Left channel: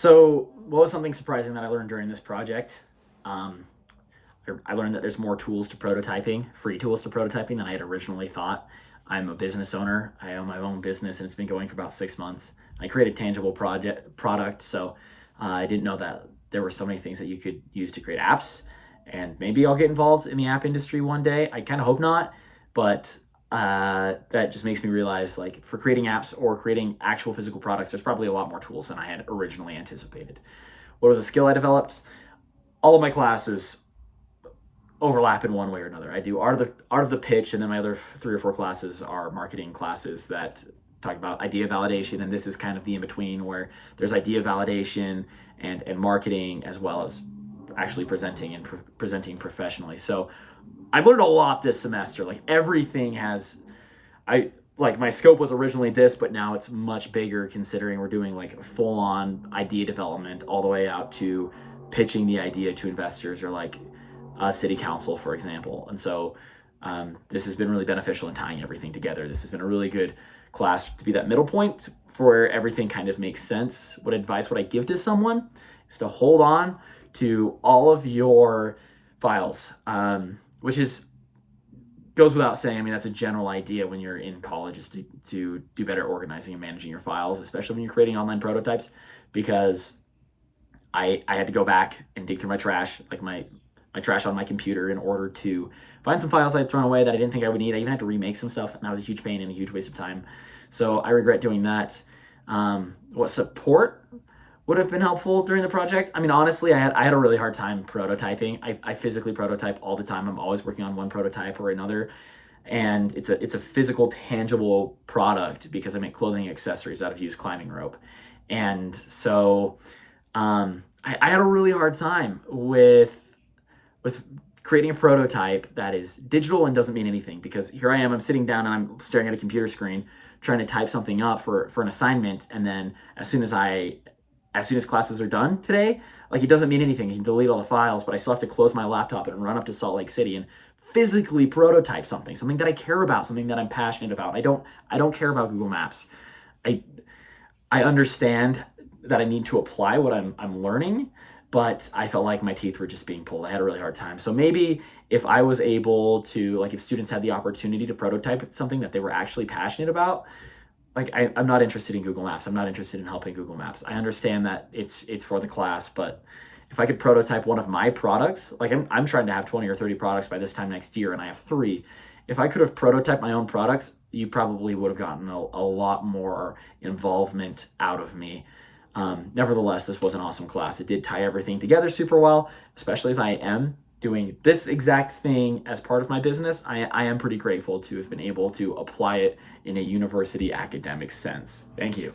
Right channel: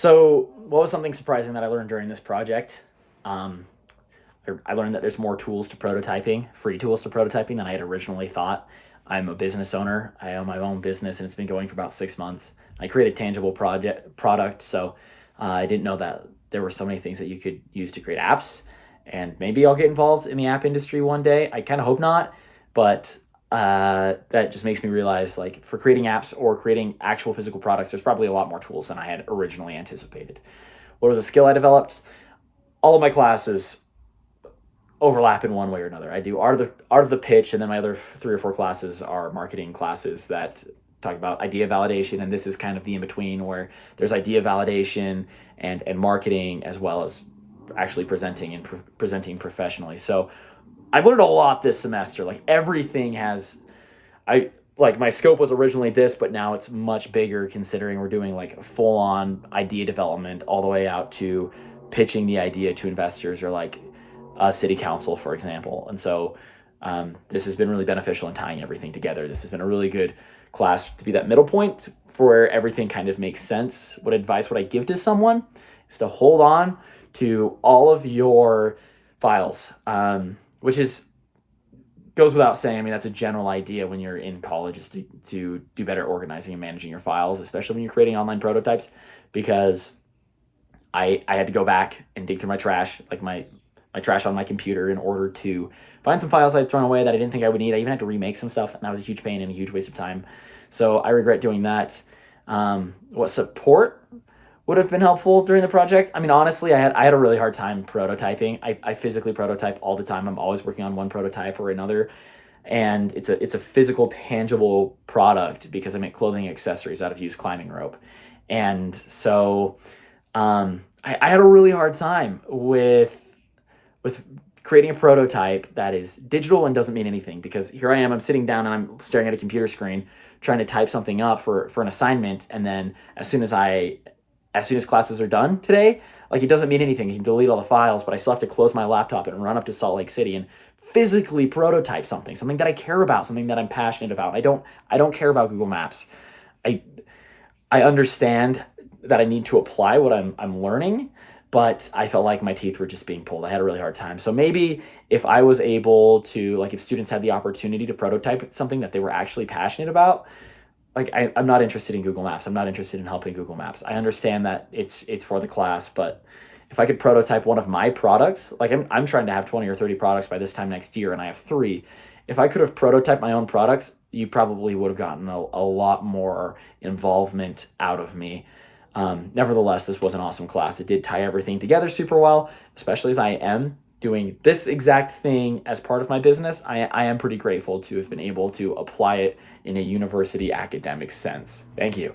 So, what was something surprising that I learned during this project? Um, I learned that there's more tools to prototyping, free tools to prototyping than I had originally thought. I'm a business owner. I own my own business, and it's been going for about 6 months. I create a tangible product, so I didn't know that there were so many things that you could use to create apps. And maybe I'll get involved in the app industry one day. I kind of hope not, but that just makes me realize, like, for creating apps or creating actual physical products, there's probably a lot more tools than I had originally anticipated. What was a skill I developed? All of my classes overlap in one way or another. I do art of the pitch, and then my other 3 or 4 classes are marketing classes that talk about idea validation, and this is kind of the in between where there's idea validation and marketing as well as actually presenting and presenting professionally. So I've learned a lot this semester. Like, everything has I like my scope was originally this, but now it's much bigger considering we're doing like full on idea development all the way out to pitching the idea to investors or like a city council, for example. And so this has been really beneficial in tying everything together. This has been a really good class to be that middle point for where everything kind of makes sense. What advice would I give to someone is to hold on to all of your files, which is goes without saying. I mean, that's a general idea when you're in college, is to do better organizing and managing your files, especially when you're creating online prototypes, because I had to go back and dig through my trash, like my trash on my computer, in order to find some files I'd thrown away that I didn't think I would need. I even had to remake some stuff, and that was a huge pain and a huge waste of time. So I regret doing that. What support would have been helpful during the project? I mean, honestly, I had a really hard time prototyping. I physically prototype all the time. I'm always working on one prototype or another, and it's a physical, tangible product because I make clothing accessories out of used climbing rope, and so I had a really hard time with creating a prototype that is digital and doesn't mean anything, because here I am, I'm sitting down and I'm staring at a computer screen trying to type something up for an assignment, and then as soon as classes are done today, like, it doesn't mean anything. You can delete all the files, but I still have to close my laptop and run up to Salt Lake City and physically prototype something that I care about, something that I'm passionate about. I don't care about Google Maps. I I understand that I need to apply what I'm learning, but I felt like my teeth were just being pulled. I had a really hard time. So maybe if I was able to, like, if students had the opportunity to prototype something that they were actually passionate about, like, I'm not interested in Google Maps. I'm not interested in helping Google Maps. I understand that it's for the class, but if I could prototype one of my products, like, I'm trying to have 20 or 30 products by this time next year, and I have 3. If I could have prototyped my own products, you probably would have gotten a lot more involvement out of me. Nevertheless, this was an awesome class. It did tie everything together super well, especially as I am doing this exact thing as part of my business. I am pretty grateful to have been able to apply it in a university academic sense. Thank you.